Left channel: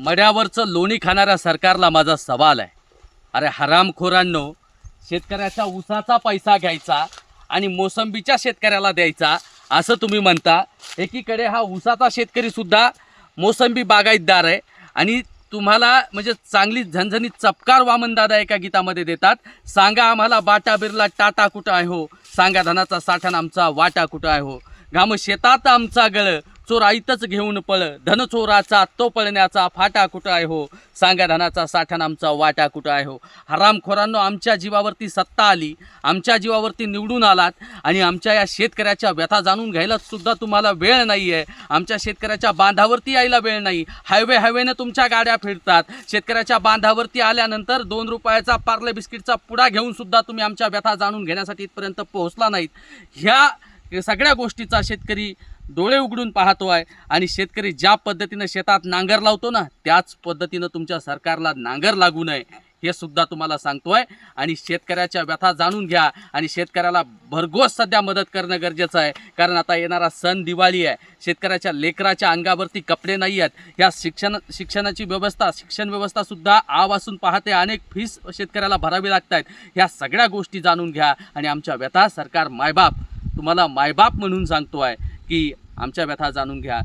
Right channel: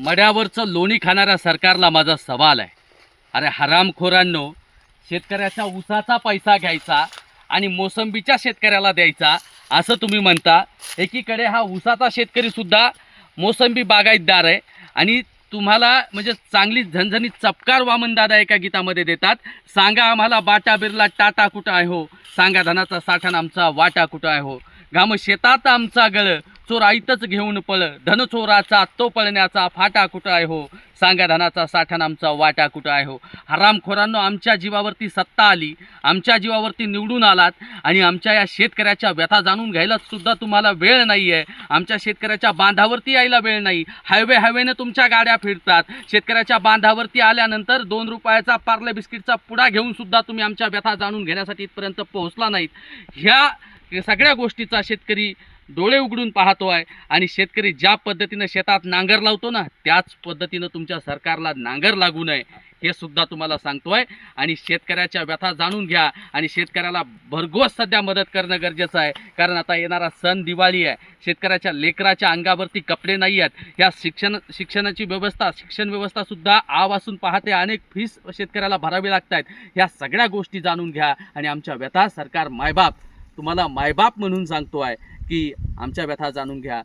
मड्यावरचं लोणी खाणाऱ्या सरकारला माझा सवाल आहे. अरे हरामखोरांनो, शेतकऱ्याच्या ऊसाचा पैसा घ्यायचा आणि मोसंबीच्या शेतकऱ्याला द्यायचा असं तुम्ही म्हणता. एकीकडे हा ऊसाचा शेतकरीसुद्धा मोसंबी बागायतदार आहे आणि तुम्हाला म्हणजे चांगली झणझणीत चपकार वामनदादा एका गीतामध्ये देतात. सांगा आम्हाला बाटा बिर्ला टाटा कुठं आहे हो, सांगा धनाचा साठा आमचा वाटा कुठं आहे हो. घाम शेतात आमचा गळ, चोर आईतच घेऊन पळ, धन चोराचा तो पळण्याचा फाटा कुठं आहे हो, सांगा धनाचा साठा आमचा वाटा कुठं आहे हो. हरामखोरांनो, आमच्या जीवावरती सत्ता आली, आमच्या जीवावरती निवडून आलात आणि आमच्या या शेतकऱ्याच्या व्यथा जाणून घ्यायला सुद्धा तुम्हाला वेळ नाही आहे. आमच्या शेतकऱ्याच्या बांधावरती यायला वेळ नाही. हायवेने तुमच्या गाड्या फिरतात. शेतकऱ्याच्या बांधावरती आल्यानंतर 2 रुपयाचा पार्ले बिस्किटचा पुडा घेऊन सुद्धा तुम्ही आमच्या व्यथा जाणून घेण्यासाठी इथपर्यंत पोहोचला नाहीत. ह्या सगळ्या गोष्टीचा शेतकरी डोळे उघडून पाहतो आहे आणि शेतकरी ज्या पद्धतीनं शेतात नांगर लावतो ना, त्याच पद्धतीनं तुमच्या सरकारला नांगर लागू नये हे सुद्धा तुम्हाला सांगतो आहे. आणि शेतकऱ्याच्या व्यथा जाणून घ्या आणि शेतकऱ्याला भरघोस सध्या मदत करणं गरजेचं आहे. कारण आता येणारा सण दिवाळी आहे. शेतकऱ्याच्या लेकराच्या अंगावरती कपडे नाही आहेत. ह्या शिक्षण व्यवस्थासुद्धा आवासून पाहते. अनेक फीस शेतकऱ्याला भरावी लागत आहेत. ह्या सगळ्या गोष्टी जाणून घ्या आणि आमच्या व्यथा सरकार मायबाप तुम्हाला मायबाप म्हणून सांगतो आहे की आमच्या व्यथा जाणून घ्या.